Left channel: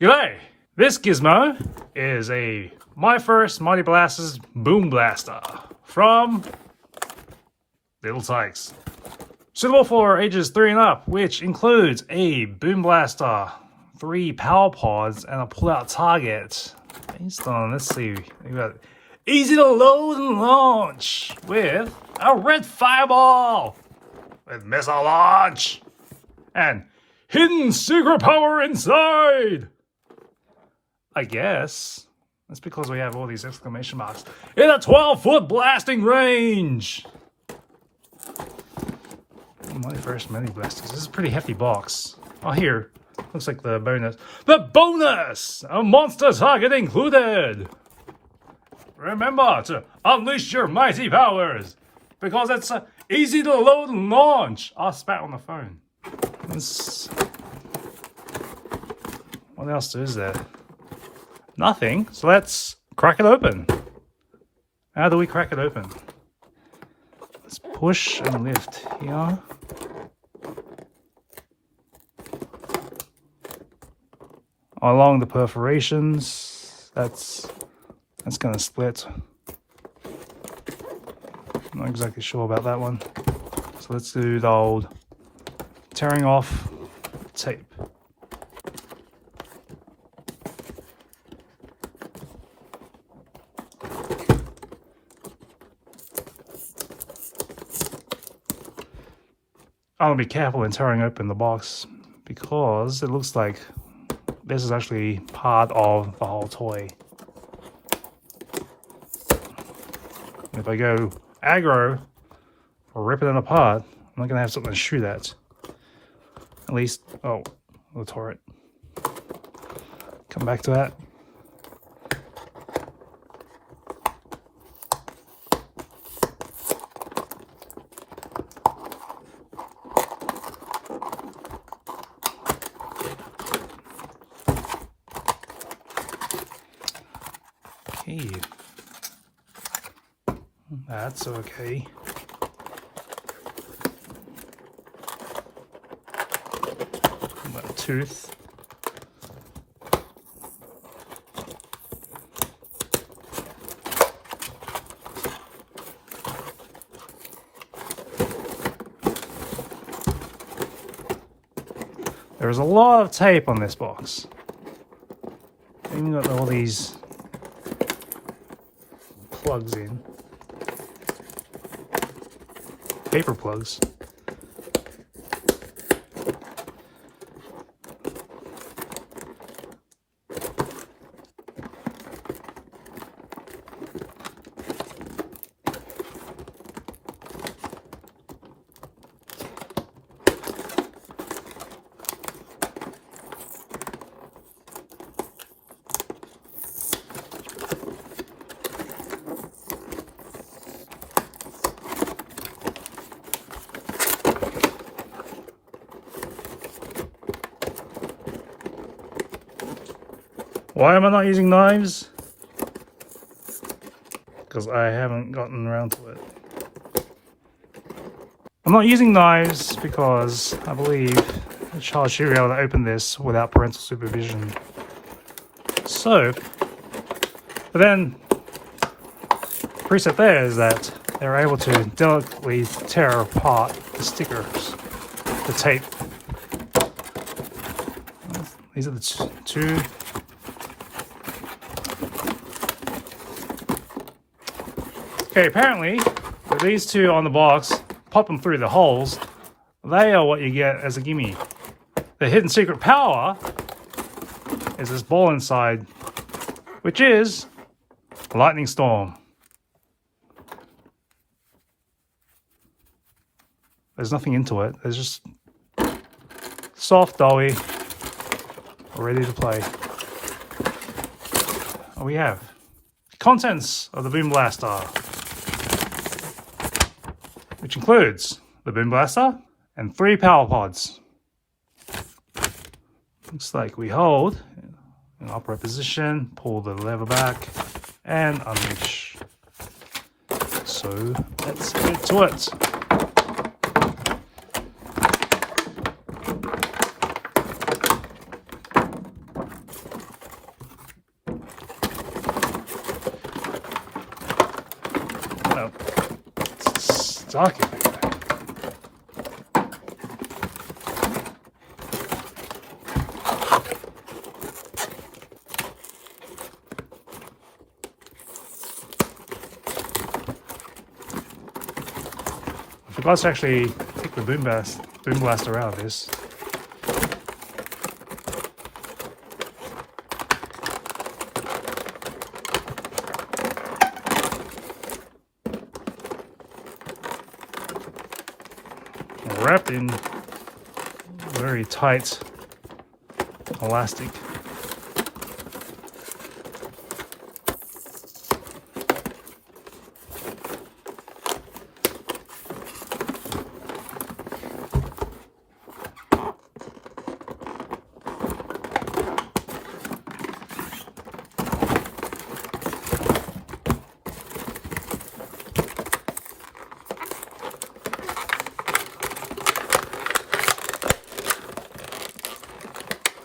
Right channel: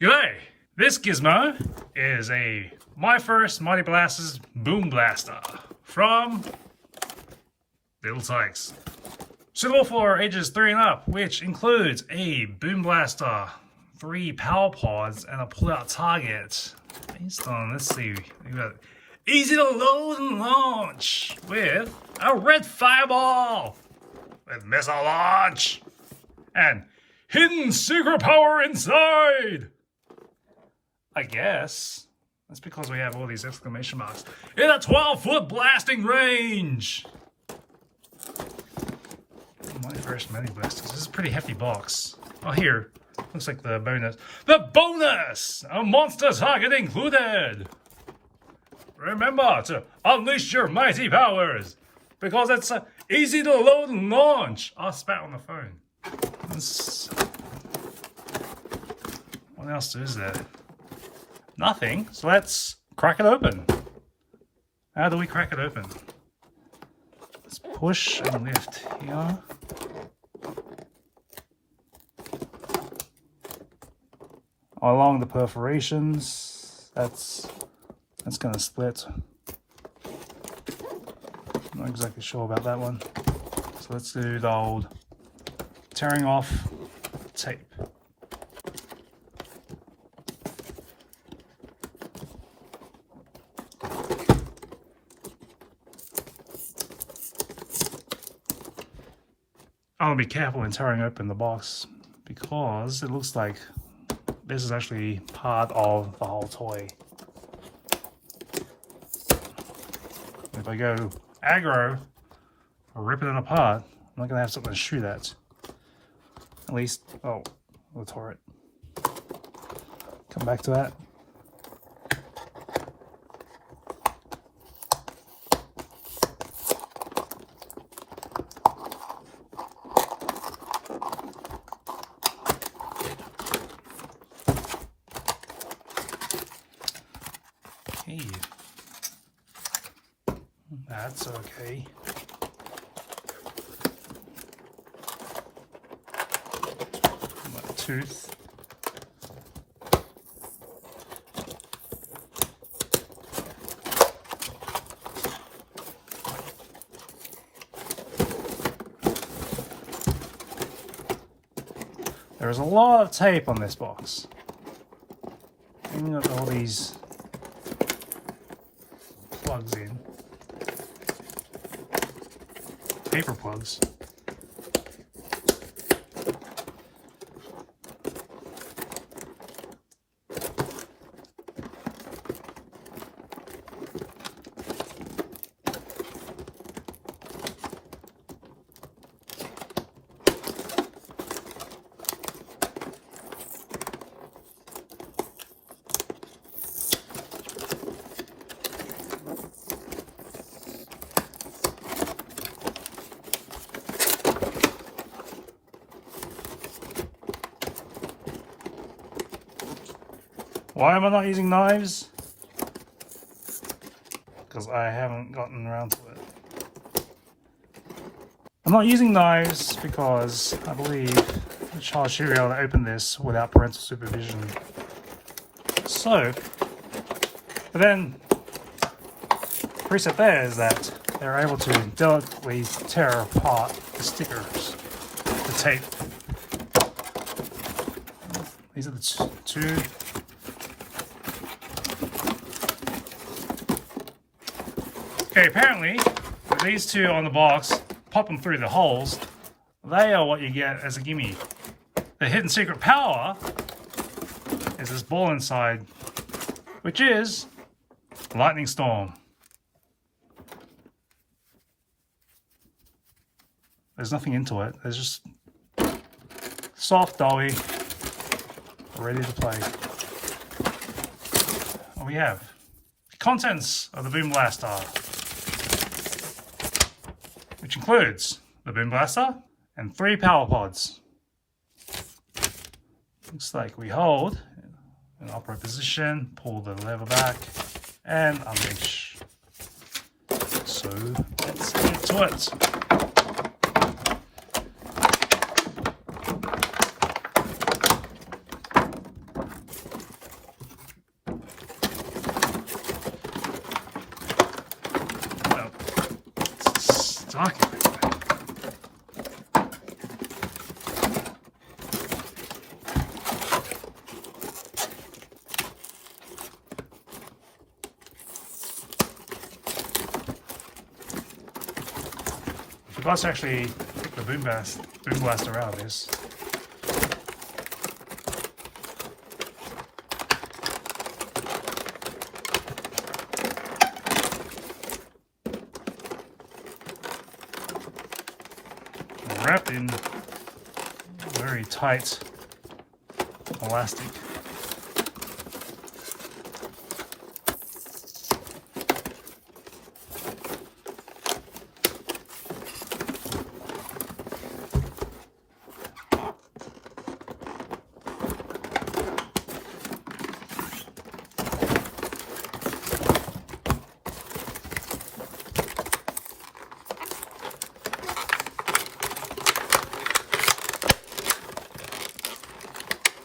G'day! This gizmo is my first Mighty Blasters Boom Blaster from Little Tikes. Suitable for ages 3 and up, which includes a Boom Blaster, 3 power pods, and a pull-out target. Based on, let's see, we got easy to load and launch with a red fireball with missile launch and hidden secret power inside. I guess that's because we have all these exclamation marks in a 12-foot blasting range. My first Mighty Blasters. This is a pretty hefty box. Oh, here looks like the bonus. The bonus! A monster target included. Remember to unleash your mighty powers because it's easy to load and launch. I spat on the phone. What else is there? Nothing. So let's crack it open. How do we crack it open? Let's push and lift here. Along the perforations, that's going to split. I'm not exactly sure about that one. So let's do the old tearing off tape. I want to be careful in tearing open the box because it looks like this is actually part of the whole toy. If I go aggro or rip it apart, I'm not going to have something to shoot at. At least, oh, we'll tore it. Come back to that. Okay. That's okay. That tooth. There's a lot of tape on this box. Even got all these plugs in. Paper plugs. Why am I not using knives? Because I haven't gotten around to it. I'm not using knives because I believe the child should be able to open this without parental supervision. So, but then the preset there is that they're able to delicately tear apart the stickers, the tape. These are the two. Okay, apparently, with these two on the box, pop them through the holes, they are what you get as a gimme. The hidden secret power is this ball inside, which is a lightning storm. There's nothing into it, there's just soft doughy, ready to play. What we have? Contents of the Boom Blaster, which includes the Boom Blaster and 3 power pods. Looks like we hold in upright position, pull the lever back, and unleash. So let's get to it. target. I forgot to actually pick the boom blaster out of this. Wrapped in very tight elastic.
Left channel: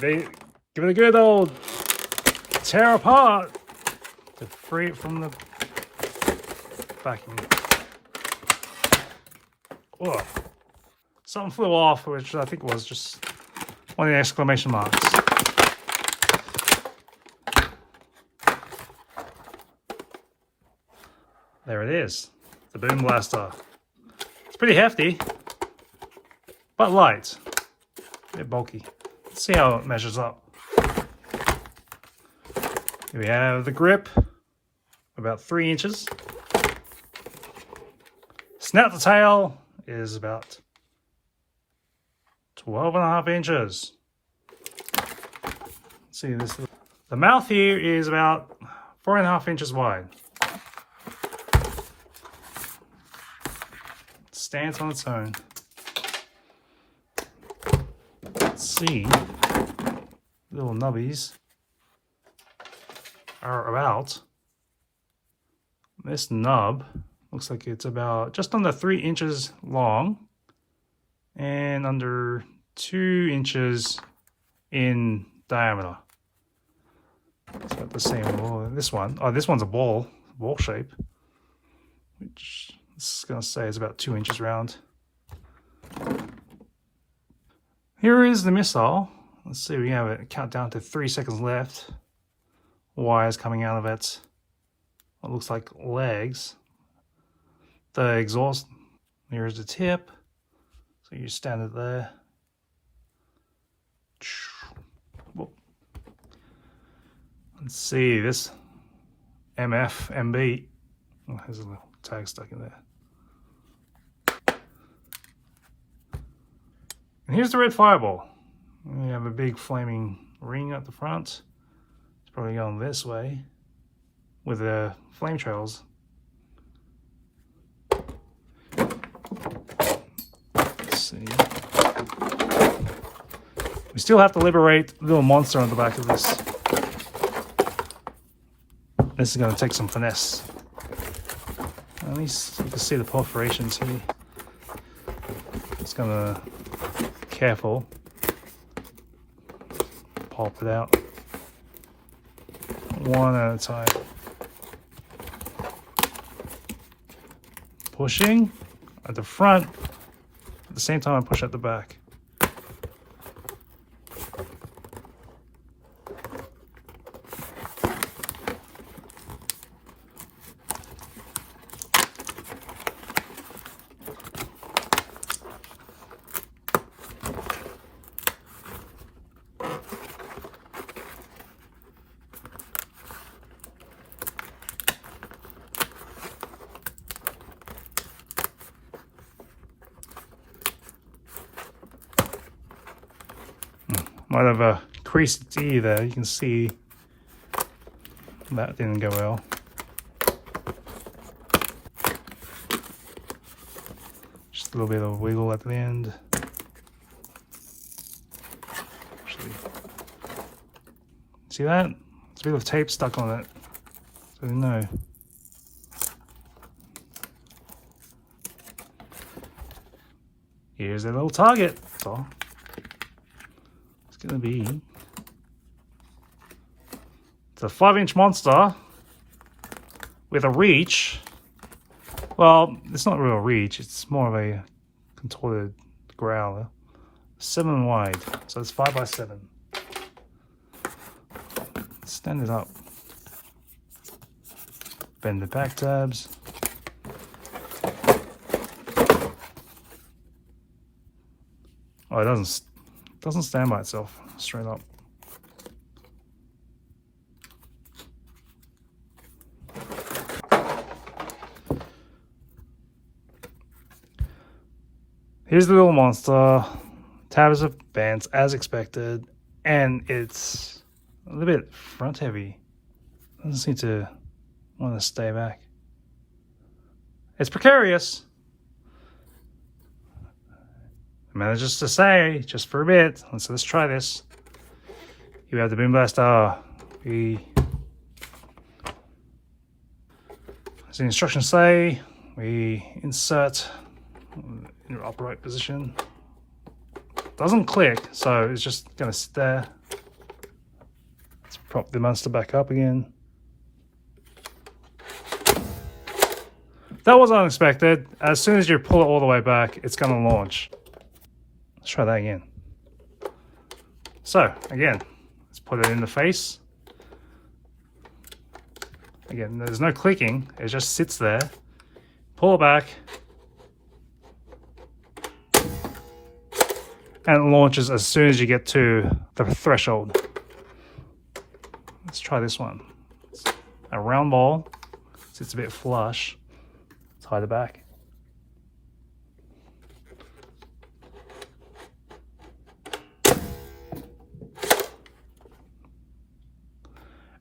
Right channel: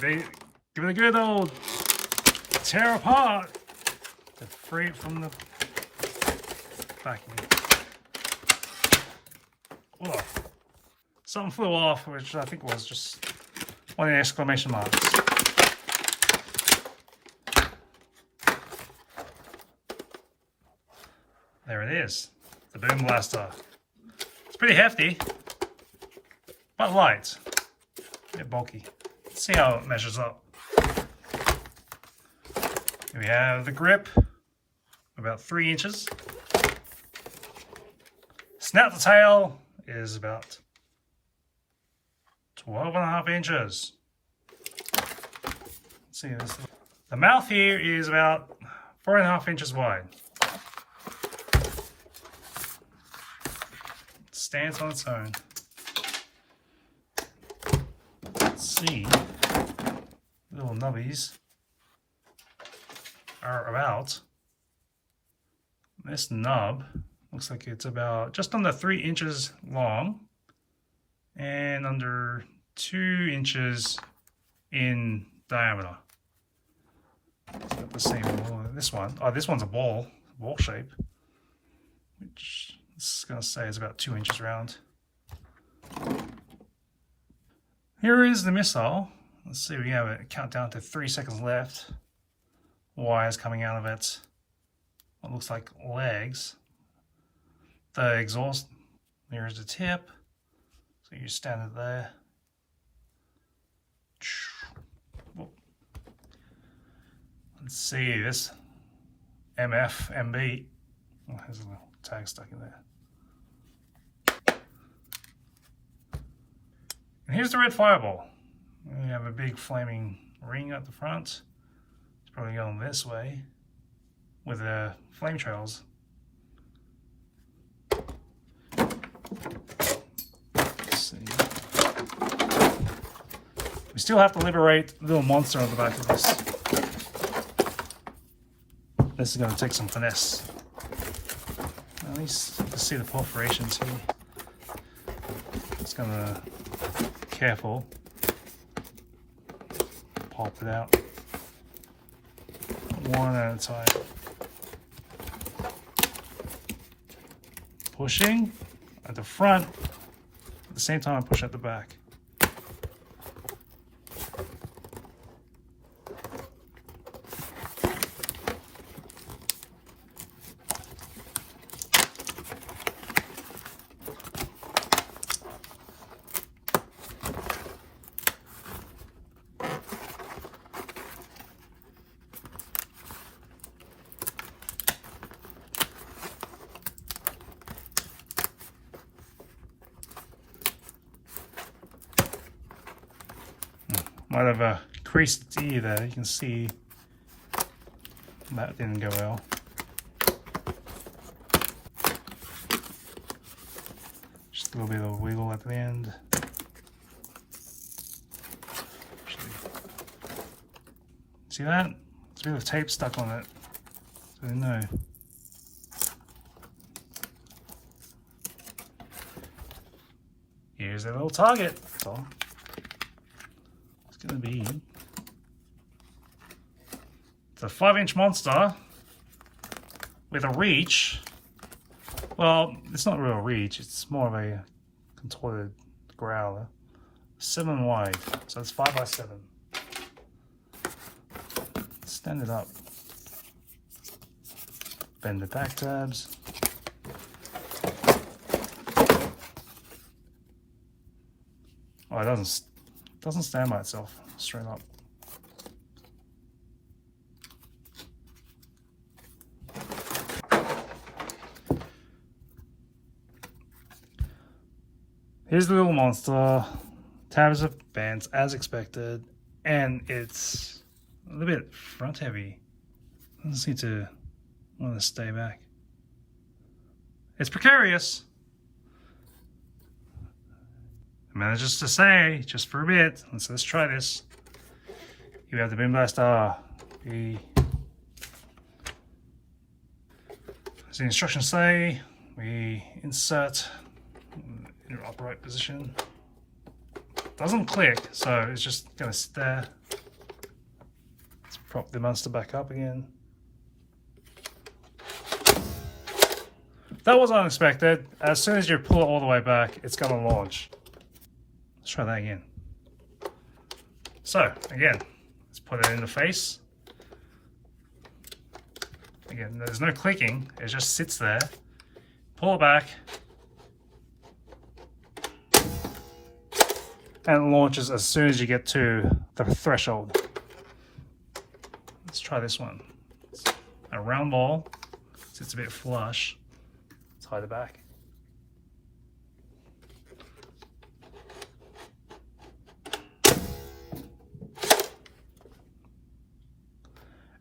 They give it a good old tear apart to free it from the vacuum. Oh, something flew off, which I think was just one of the exclamation marks. There it is, the boom blaster. It's pretty hefty, but light, a bit bulky. See how it measures up. Here we have the grip, about 3 inches. Snout to tail is about 12.5 inches. Let's see this. The mouth here is about 4.5 inches wide. It stands on its own. Let's see, little nubbies are about, this nub looks like it's about just under 3 inches long and under 2 inches in diameter. It's got the same, this one's a ball shape, which is going to say is about 2 inches round. Here is the missile. Let's see, we have it countdown to 3 seconds left. Wires coming out of it. What looks like legs. The exhaust, here's the tip. So you stand it there. Let's see, this MB. Oh, there's a little tag stuck in there. And here's the red fireball. We have a big flaming ring at the front. It's probably going this way with the flame trails. Let's see. We still have to liberate the little monster on the back of this. This is going to take some finesse. At least you can see the perforations here. It's going to careful, pulp it out one at a time. Pushing at the front, at the same time I push at the back. Might have a creased E there, you can see that didn't go well. Just a little bit of wiggle at the end. See that? There's a bit of tape stuck on it, so you know. Here's a little target. So it's going to be, it's a 5-inch monster with a reach Well, it's not a real reach, it's more of a contorted growler. 7 wide, so it's 5 by 7. Stand it up. Bend the back tabs. Oh, it doesn't stand by itself straight up. Here's the little monster. Tabs are bent as expected, and it's a little bit front heavy. Doesn't seem to want to stay back. It's precarious. I managed to say, just for a bit, let's try this. You have the Boom Blaster. As the instructions say, we insert in your upright position. Doesn't click, so it's just gonna sit there. Let's prop the monster back up again. That was unexpected. As soon as you pull it all the way back, it's gonna launch. Let's try that again. So, again, let's put it in the face. Again, there's no clicking, it just sits there. Pull it back. And it launches as soon as you get to the threshold. Let's try this one. It's a round ball, so it's a bit flush. Let's hide it back.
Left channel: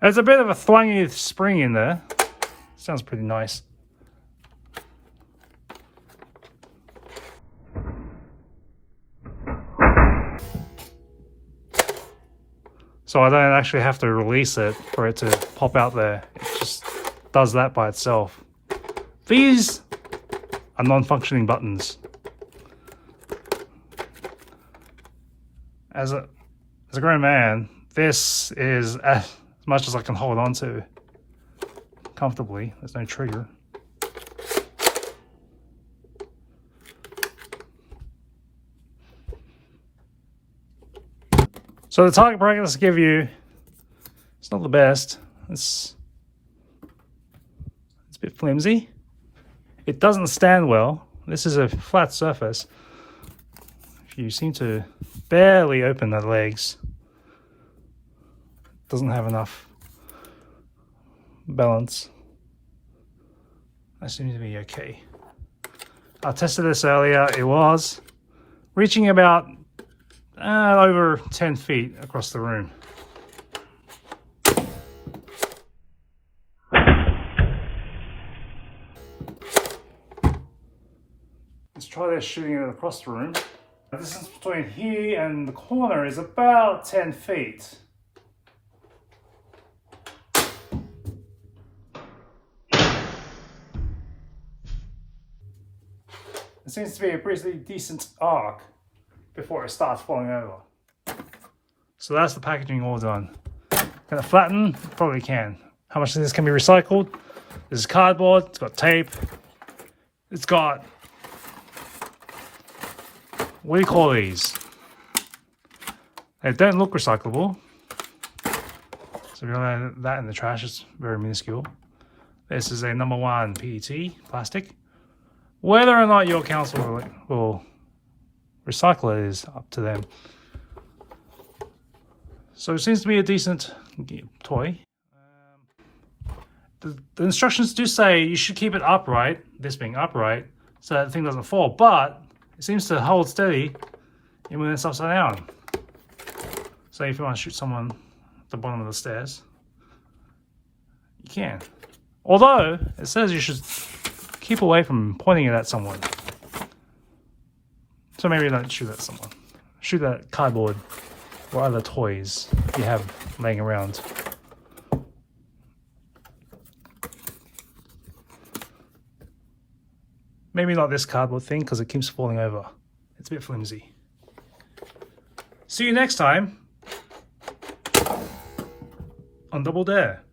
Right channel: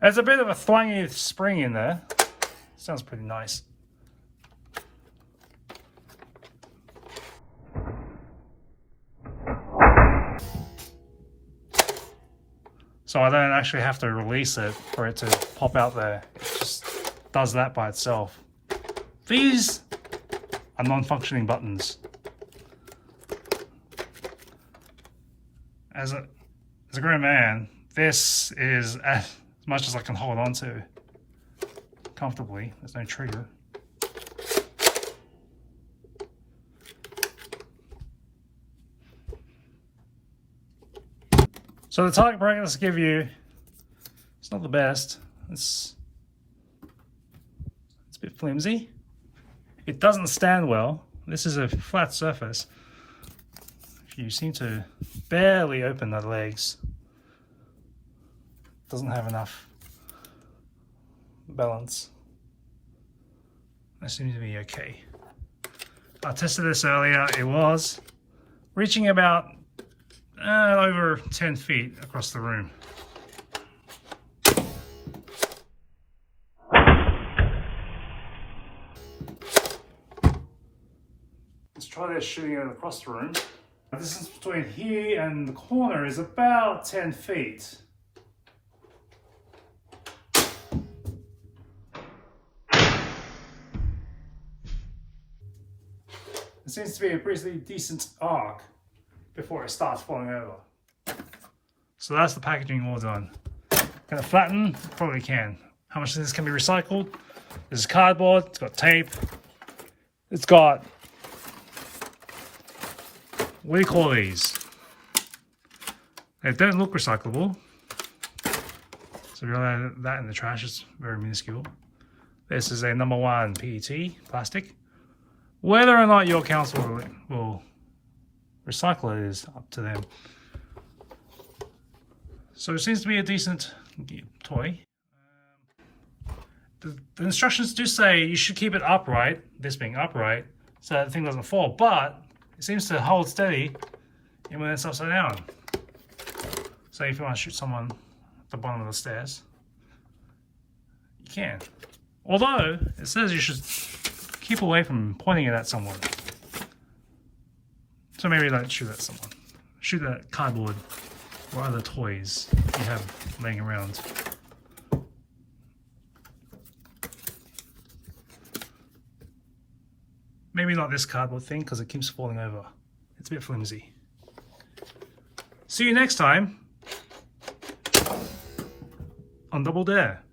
There's a bit of a thwangy spring in there. Sounds pretty nice. So I don't actually have to release it for it to pop out there. It just does that by itself. These are non-functioning buttons. As a grown man, this is as much as I can hold on to comfortably. There's no trigger. So the target brackets give you, it's not the best. It's a bit flimsy. It doesn't stand well. This is a flat surface. You seem to barely open the legs. Doesn't have enough balance. I seem to be okay. I tested this earlier. It was reaching about over 10 feet across the room. Let's try this shooting it across the room. The distance between here and the corner is about 10 feet. It seems to be a pretty decent arc before it starts falling over. So that's the packaging all done. Can it flatten? Probably can. How much of this can be recycled? This is cardboard, it's got tape, it's got, what do you call these? They don't look recyclable. So if you let that in the trash, it's very minuscule. This is a #1 PET plastic. Whether or not your council will recycle it is up to them. So it seems to be a decent toy. The instructions do say you should keep it upright, this being upright, so that the thing doesn't fall, but it seems to hold steady even when it's upside down. So if you want to shoot someone at the bottom of the stairs, you can. Although, it says you should keep away from pointing it at someone. So maybe don't shoot at someone. Shoot at cardboard or other toys you have laying around. Maybe not this cardboard thing because it keeps falling over. It's a bit flimsy. See you next time on Double Dare.